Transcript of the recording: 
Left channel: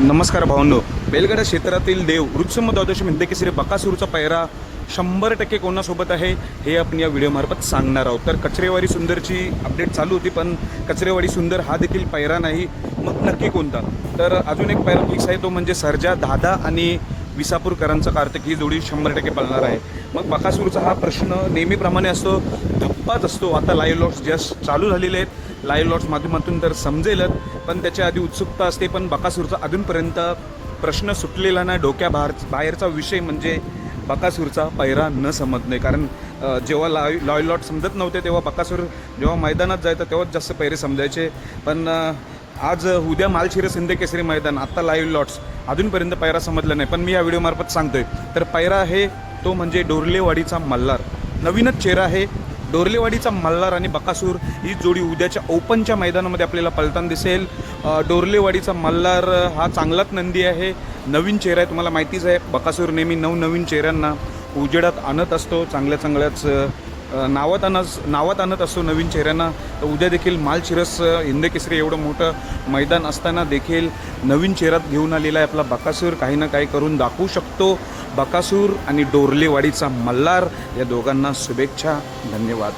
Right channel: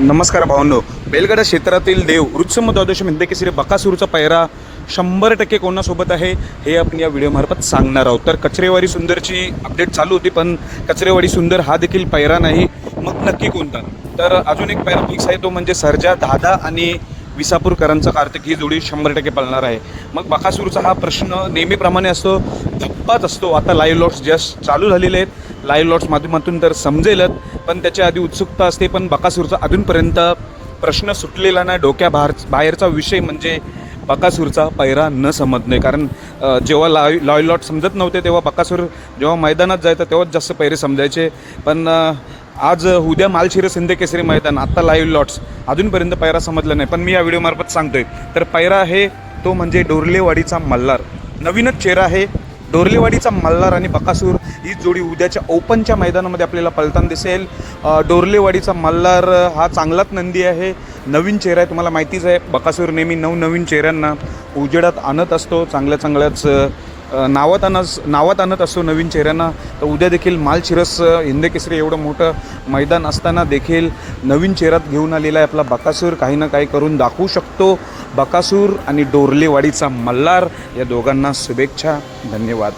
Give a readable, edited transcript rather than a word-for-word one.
नमस्कार भावांनो. बैलगाडा क्षेत्रातील देव वृत्सम द्वादश हिंदकेसरी बकासूरचा पैरा 100% कोणासोबत आहे हे आपण या व्हिडिओमार्फत सांगणार आहोत. तर कचरेवाडी सुंदरची अपडेट चालू होती, पण कचरेवाडी सुंदर हा देखील पैरा नाही. मग नक्की कोणता? तर अजून एक पैरा फिक्स आहे, तो म्हणजे सर्जा दादा आणि विसापूरकरांचा कार्तिक ही जोडी 100% पळणार आहे. मग बकासूरचा हा प्रश्न नेहमीप्रमाणे असतो, धप्पाच असतो. आता लाईव्ह लॉट्स जस्ट चालू झालेले आहेत, लाईव्ह लॉट्स माध्यमातून तर समजेलच, पण त्याच्या आधी उत्सुकता असते. पण बकासूरचा अजूनपर्यंत प्रश्न सुटलेला नाही. बाहेरचा विषय म्हणजे बकासूरचा पैरा न समजणे. कारण जेव्हा लाईव्ह लॉट समजत नव्हते तेव्हा बकासूर जेव्हा मैदानात जायचं तेव्हाच जास्त पैरे समजायचे. पण आज उद्या मालशिरस हिंदकेसरी मैदान, आत्ता लाईव्ह लॉट्स, अजूनपर्यंत पैरा समजला नाही. पण मी या व्हिडिओमार्फत सांगतोय. तर पैरा आहे तो म्हणजे डोरलेवाडीचा मल्हार. नवीनच चेहरा आहे. डोरलेवाडीचा मल्हार आणि बकासूर ही जोडी उद्याच्या ओपनच्या मैदानामध्ये आपल्याला पळताना दिसेल. डोरलेवाडीचा मल्हार हा चांगलाच नंदी आहे, नवीन चेहरा आहे. तुम्हाला माहितीच आहे, बकासूर नेहमी नवनवीन चेहऱ्यांना उजेडात आणत असतो, चांगल्याच नावात आणत असतो नवीन चेहऱ्यांना. तर उद्या देखील मालशिरस हिंदकेसरी एवढं मोठं मैदान असताना देखील नवीन चेहऱ्यात घेऊन आलेला आहे आपला बकासूर. काही ना काही करून दाखवू शकतो. बकासूर आणि डोरलेवाडीचा मल्हार या दोघांना शुभेच्छा. धन्यवाद.